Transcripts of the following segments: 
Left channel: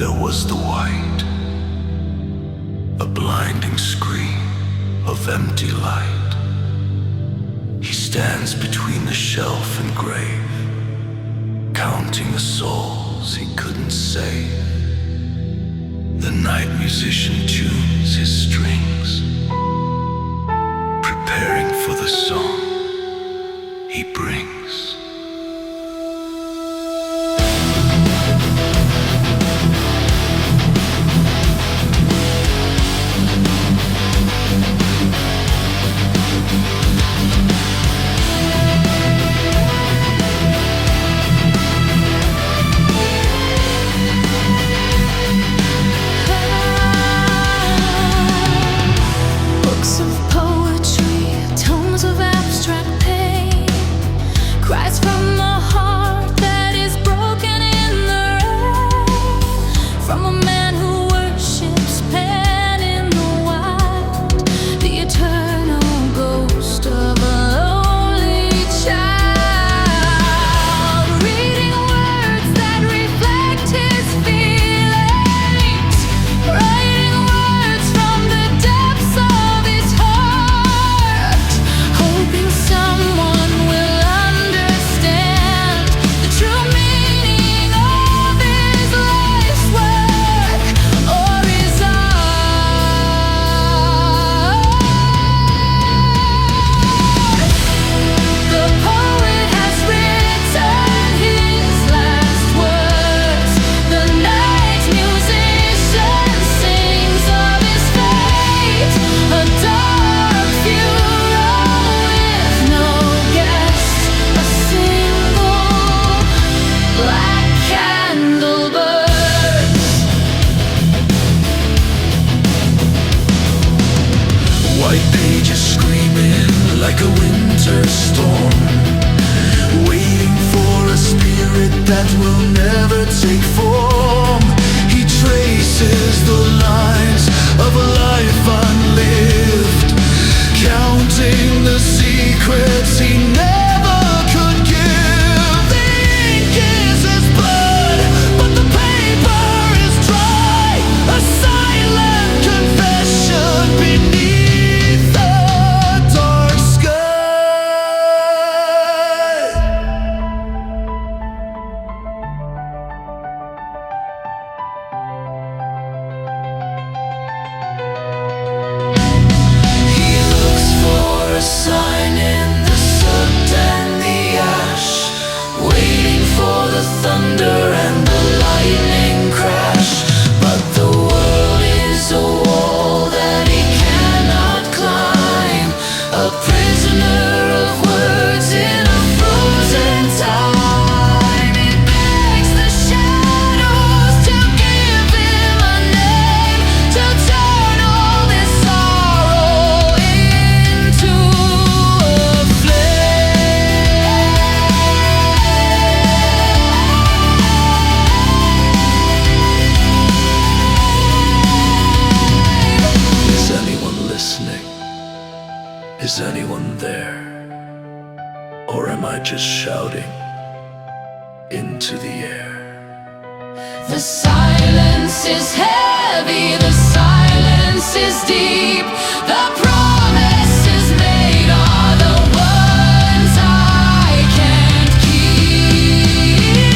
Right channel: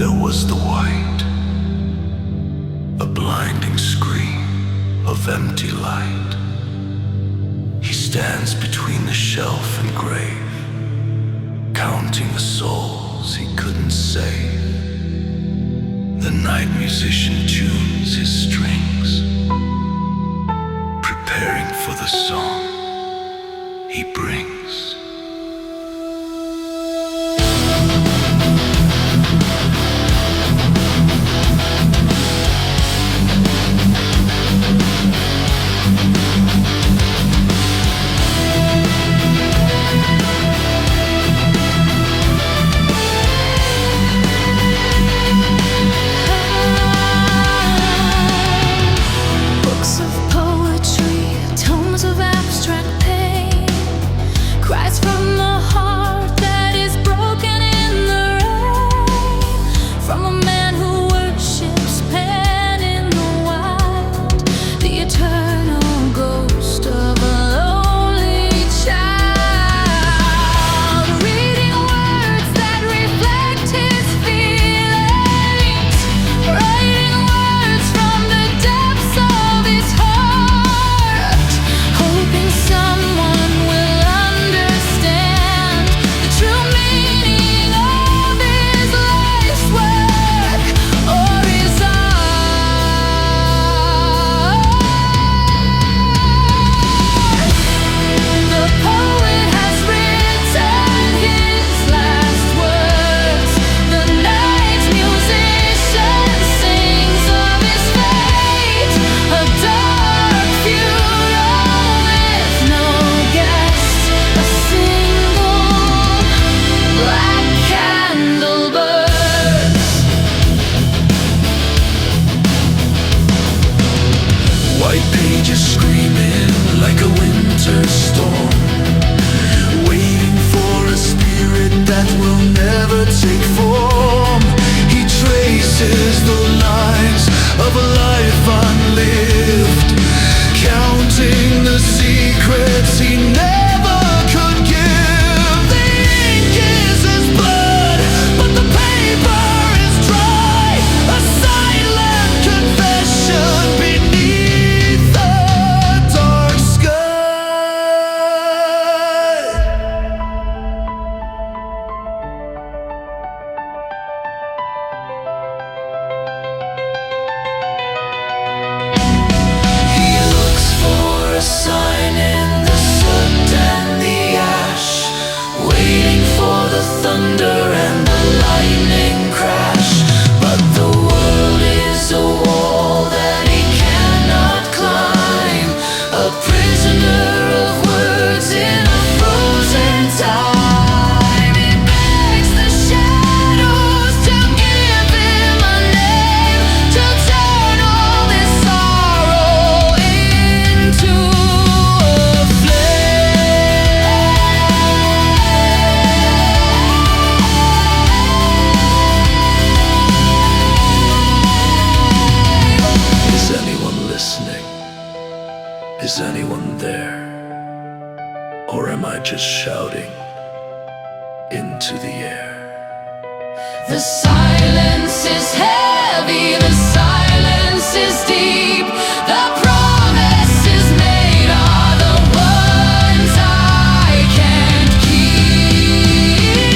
There was the white, a blinding screen of empty light. He stands between the shelf and grave, counting the souls he couldn't save. The night musician tunes his strings, preparing for the song he brings. Cries from the heart that is broken in the rain, from a man who worships Pan in the wild, the eternal ghost of a lonely child, reading words that reflect his feelings, writing words from the depths of his heart, hoping someone will White pages screaming like a winter storm, waiting for a spirit that will never take form. He traces the lines of a life unlived, counting the secrets he never could give. The ink is his blood, but the paper is dry, a silent confession beneath the dark sky. He looks for a sign in the soot and the ash, waiting for the thunder and the lightning crash. But the world is a wall that he cannot climb, a prisoner of words in a frozen time. It begs the shadows to give him a name, to turn all this sorrow into a flame. Is anyone listening? Is anyone there? Or am I just shouting into the air? The silence is heavy, the silence is deep. The promises made are the ones I can't keep.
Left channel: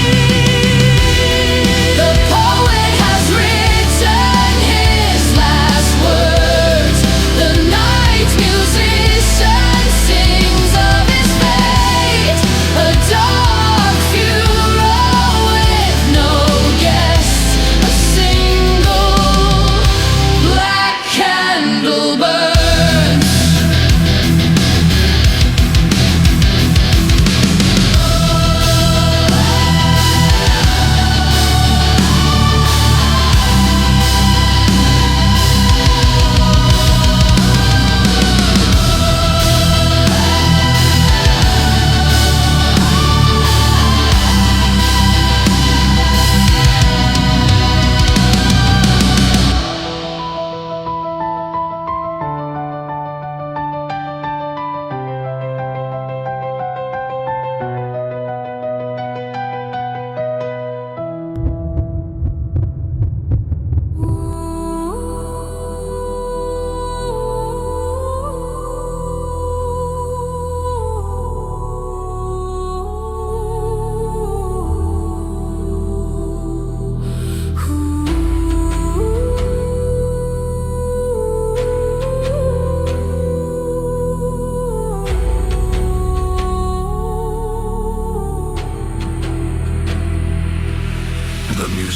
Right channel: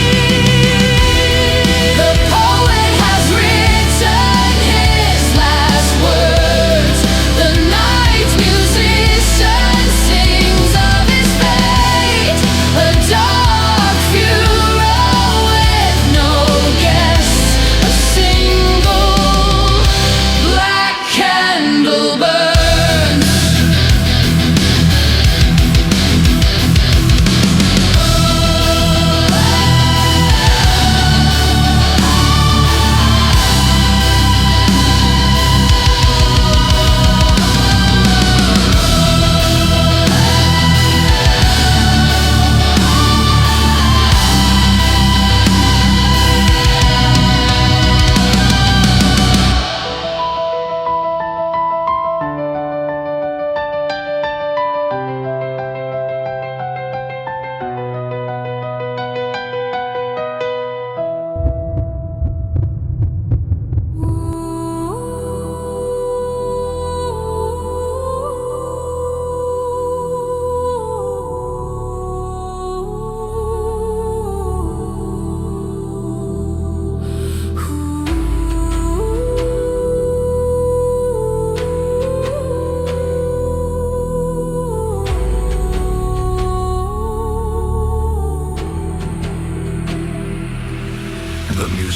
The poet has written his last words. The night musician sings of his fate, a dark funeral with no guests, a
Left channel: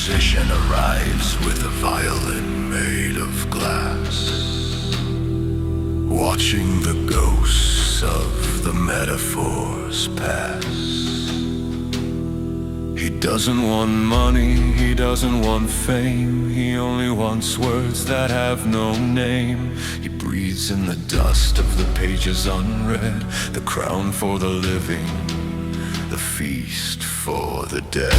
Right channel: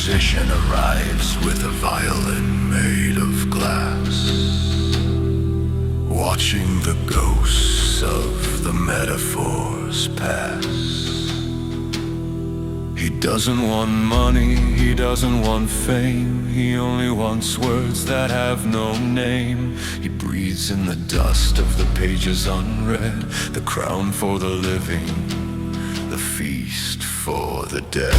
musician arrives with a violin made of glass, watching the ghosts of the metaphors pass. He doesn't want money, he doesn't want fame, he only wants words that have no name. He breathes in the dust of the pages unread, the crown for the living, the feast for the dead.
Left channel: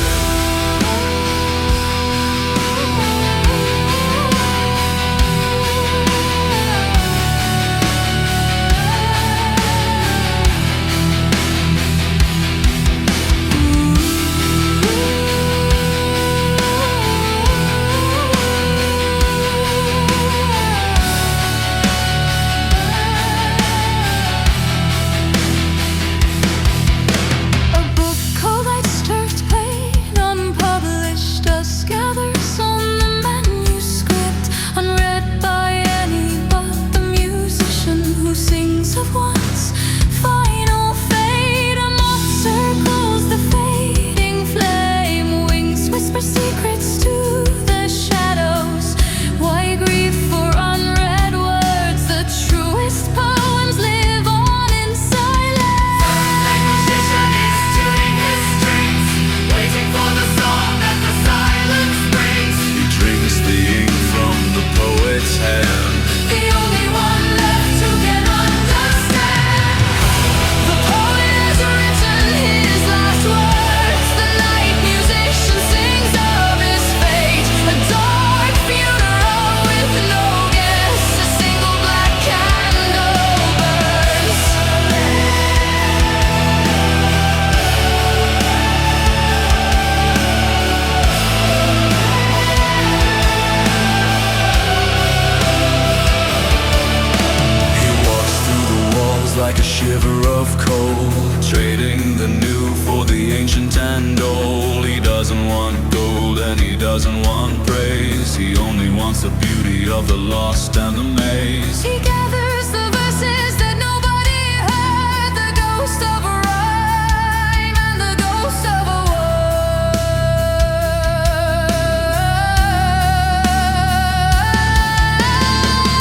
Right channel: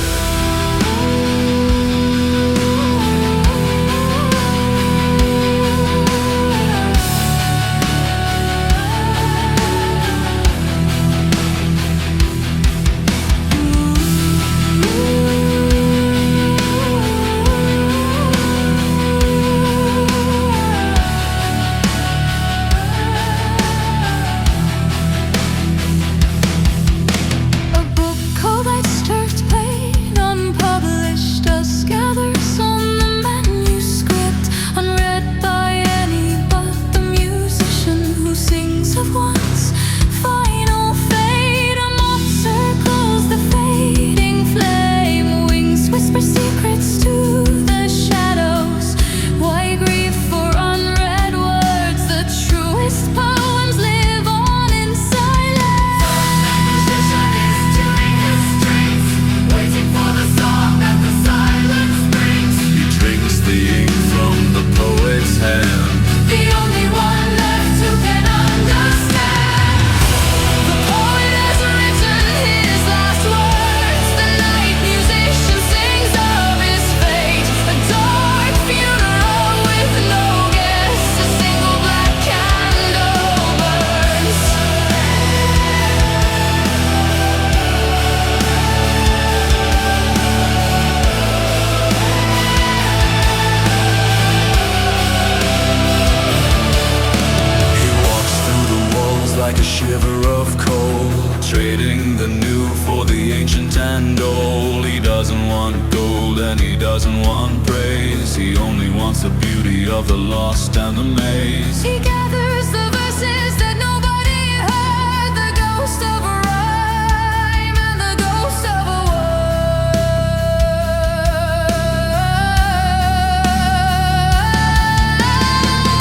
Like a shiver of cold, trading the new for the ancient and old. He doesn't want gold and he doesn't want praise, he only wants the beauty of the lost and the maze. He gathers the verses that nobody heard, the ghost of a rhyme and the ghost of a word.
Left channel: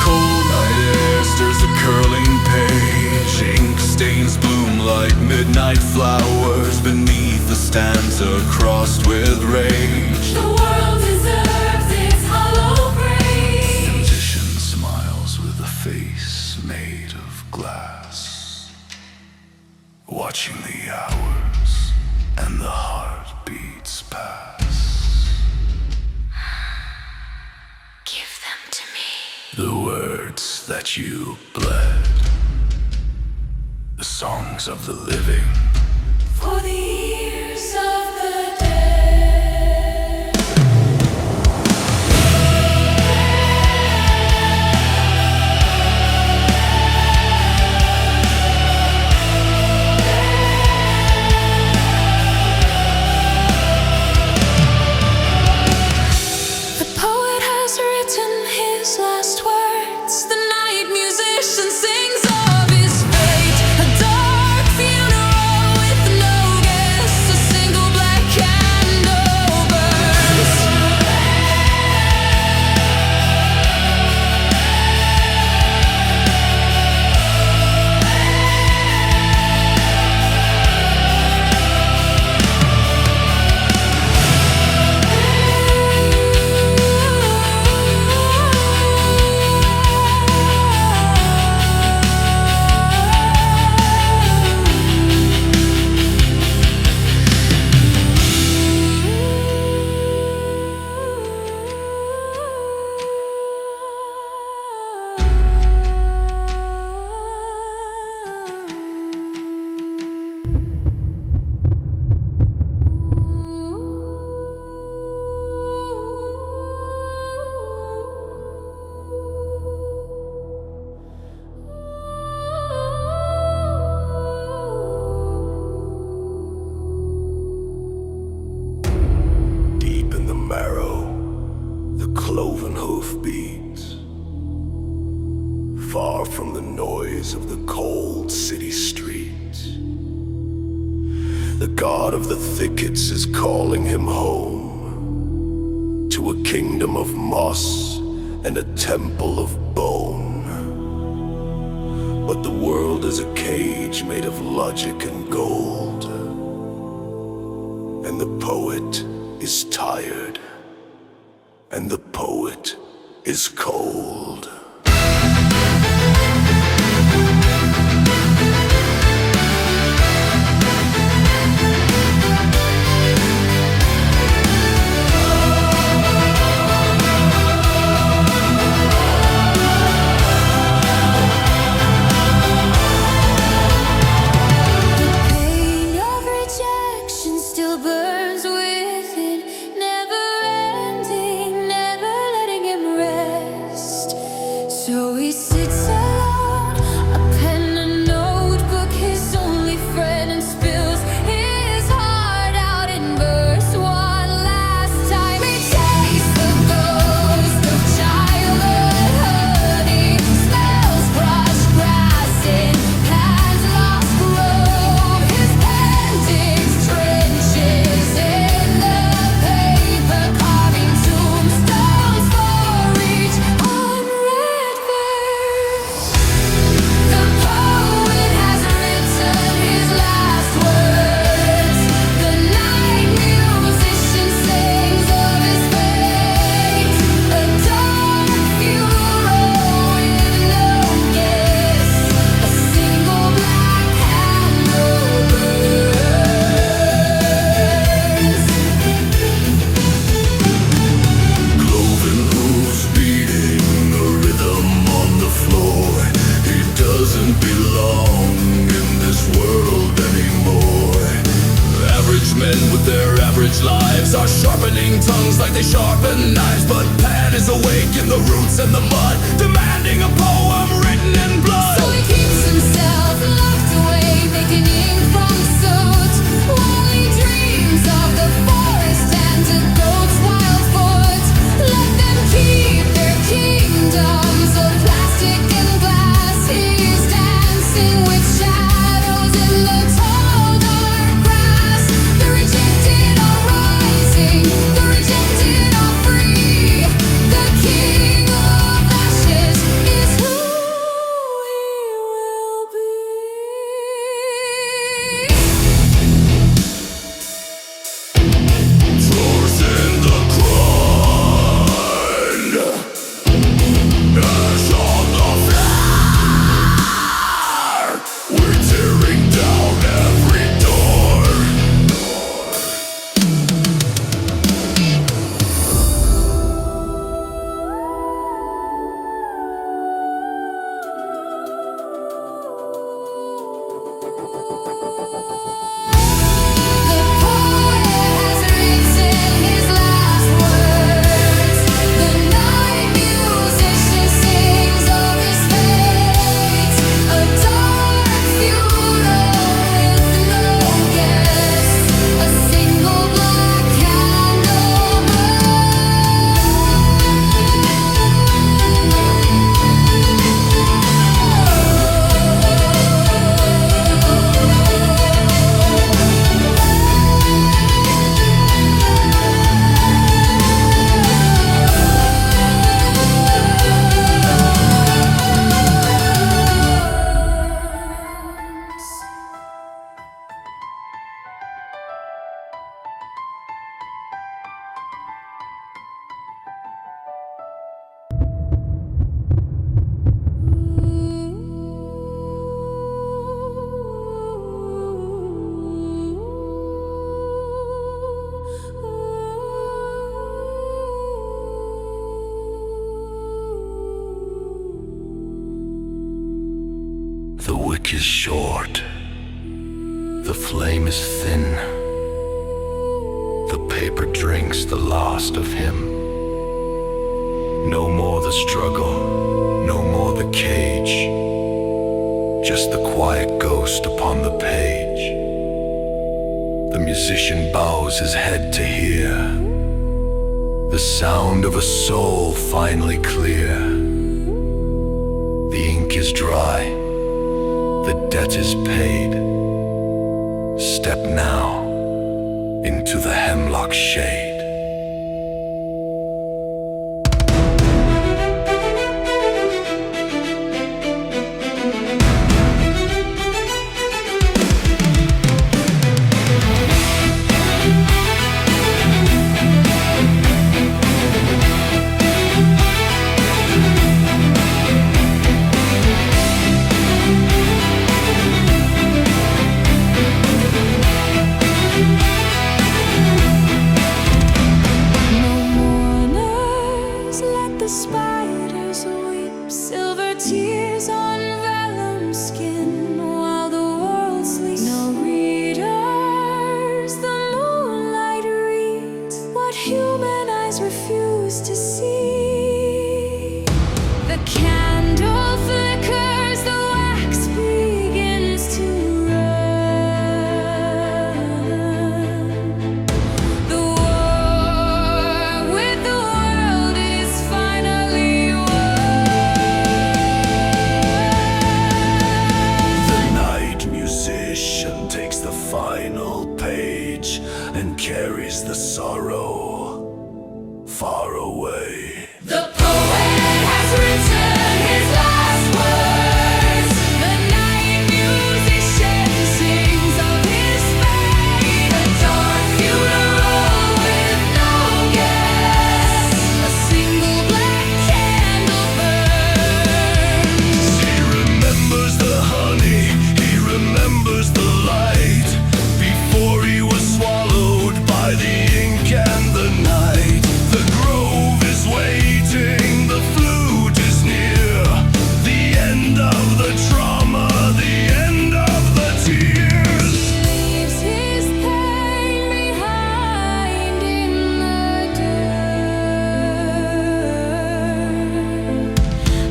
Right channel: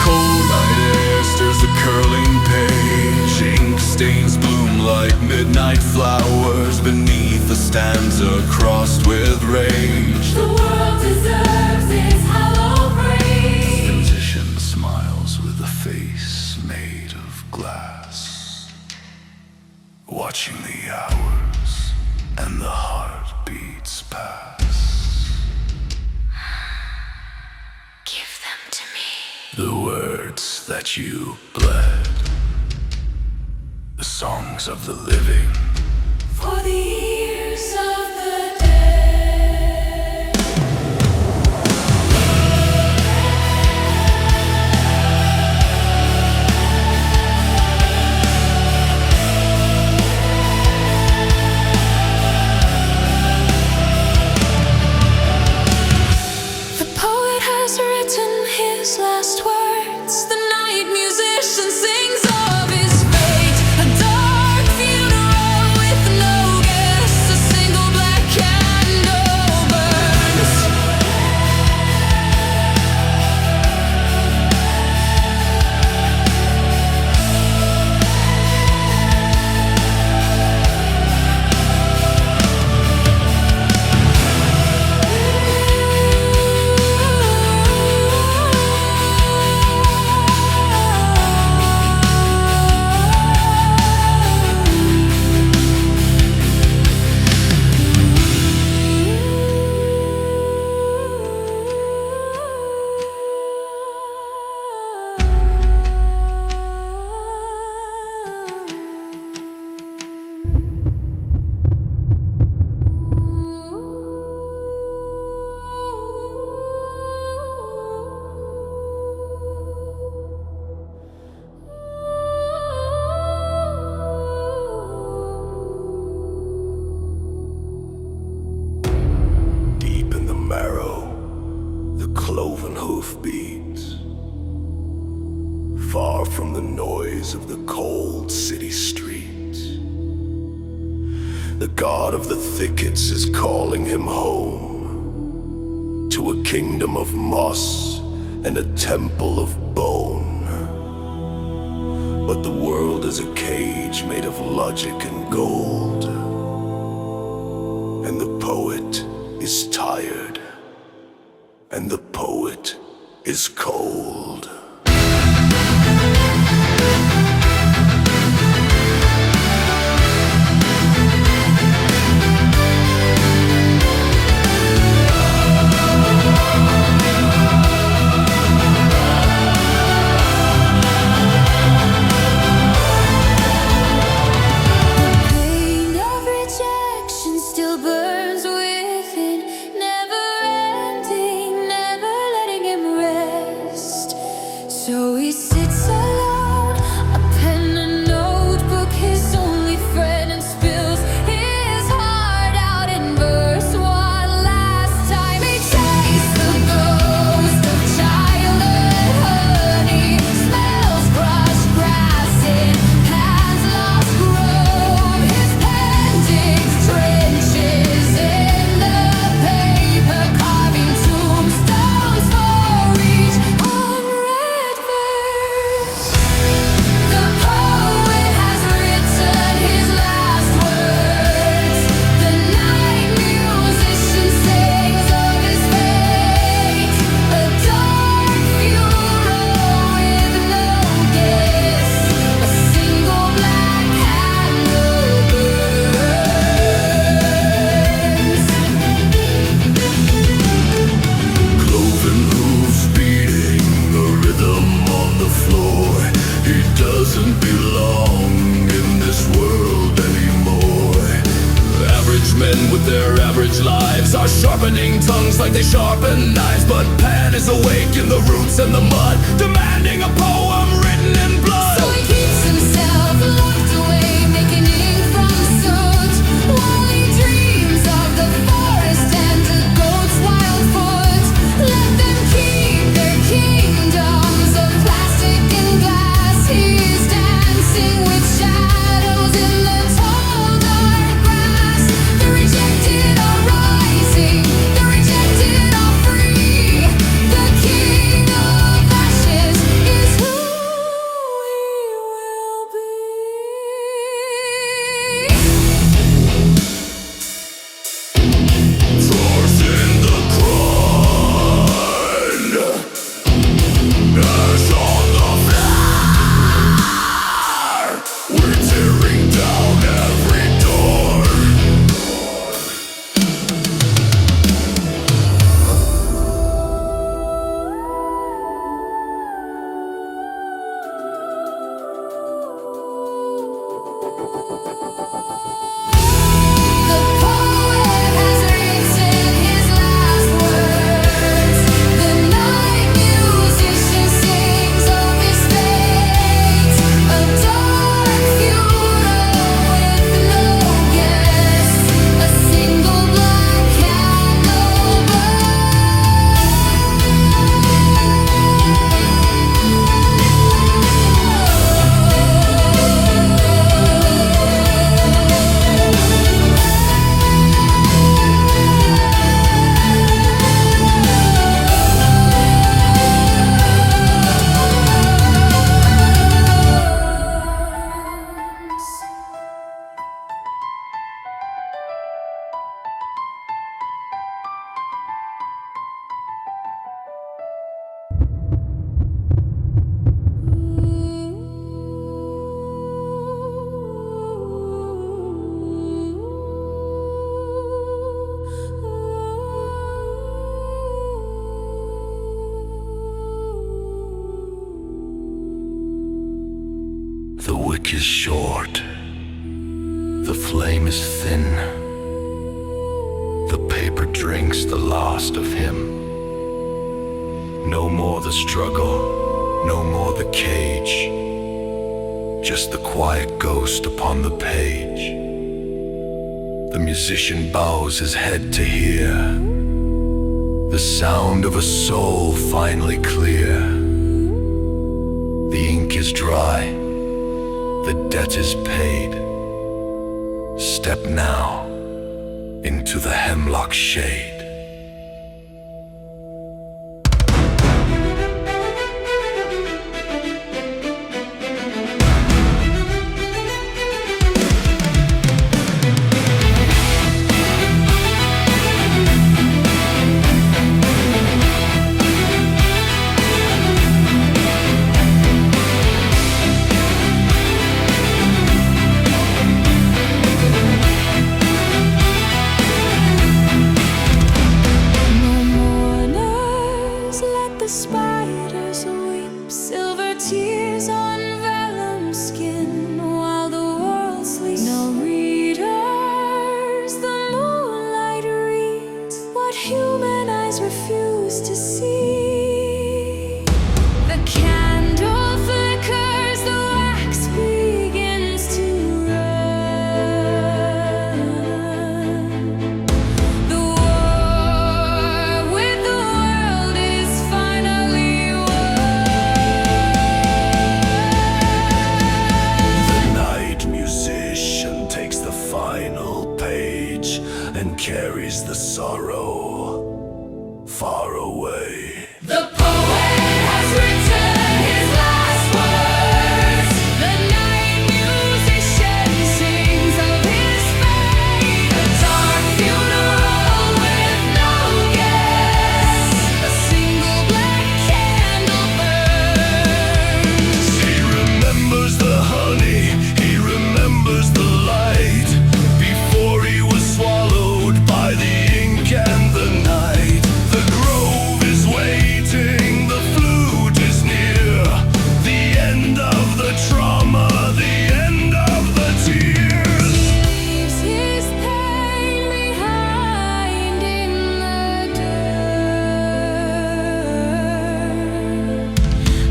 Cold night air stirs the curling page, ink stains bloom like midnight flowers beneath the stanza crossed with rage. The world deserves its hollow praise. The musician smiles with a face made of glass, watching the hours and the heartbeats pass. Give them to me. The words that you bled, the songs of the living, For the ears of the dead. The poet has written his last words, the night musician sings of his fate, a dark funeral with no guests, a single black candle burns. marrow, the cloven hoof beats. Far from the noise of the cold city streets, the god of the thickets is calling him home. to a kingdom of moss and a temple of bone. But the world is a cage made of logic and gold, and the poet is tired, and the poet is cold. So he sits alone, a pen and notebook, his only friend, and spills his heart out in verse one last time. He tastes the ghost of childhood honey, smells crushed grass in hands lost grove. His pen digs trenches in the paper, carving tombstones for each unread. The poet has written his last words. The night musician sings of his fate. A dark funeral with no guest. A single black candle burns. Cloven hooves beating a rhythm on the floor. He doesn't belong in this world anymore. Average men with their average lives are sharpening tongues like they sharpen knives. But Pan is awake in the roots and the mud, demanding a poem written in blood. So he keeps himself locked away, making ink from soot, while he dreams of the forest and a goat's wild foot. Let them keep their kingdoms of plastic and glass. He's dancing with shadows in the tall dark grass. The rejected are rising, the rejected are free. The king of ashes is who he will be. Toss in the ground, ash on the floor. We're tearing down every door. The poet has written his last words. The night musician sings of his fate. A dark funeral with no guests. A single black candle burns. The wick is short, the flame is thin. The paper drinks the last of him. No more the struggle, no more the cage. Just the quiet ghost upon the page. The musician bows his head to hear the sound of a soul finally clear. The ink is dry, the debt is paid. Step now into the hemlock shade. the spiders weep silver tears on vellum skin while the world sleeps. No readers, the moonlight reads what human eyes refuse to see. The candle flickers, the wax begins to run. The war with the world is finally won. The night musician takes the final page and carries the sorrow far away. The poet has written his last words. The night musician sings of his fate. A dark funeral with no guests. A single black candle burns. He remembers the honey, he remembers the light, before he was swallowed by the ink and the night. The grove is waiting, the flute is near, the end of the trauma, the end of the tears. He leaves his pain behind in the dirt.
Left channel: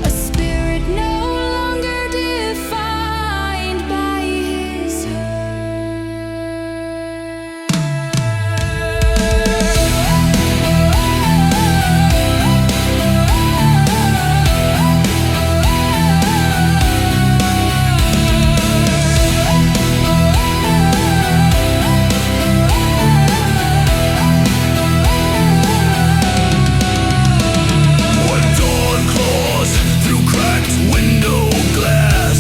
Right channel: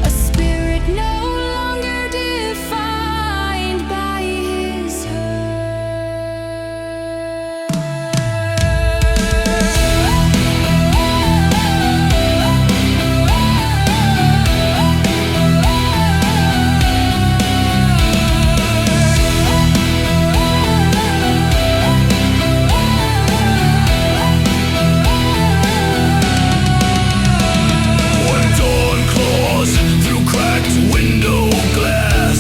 A spirit no longer defined by his When dawn claws through cracked window glass,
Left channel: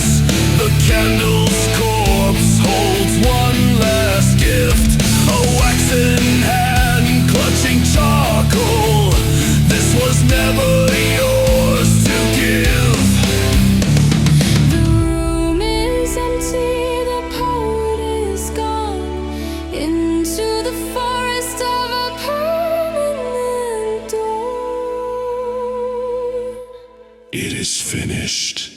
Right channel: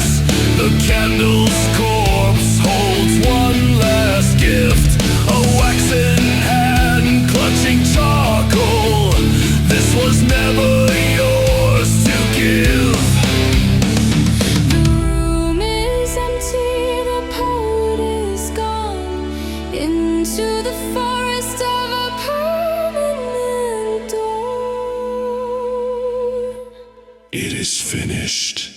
the candle's corpse holds one last gift, a waxen hand clutching charcoal. This was never yours to give. The room is empty, the poet is gone into the forest of a permanent dawn. It is finished.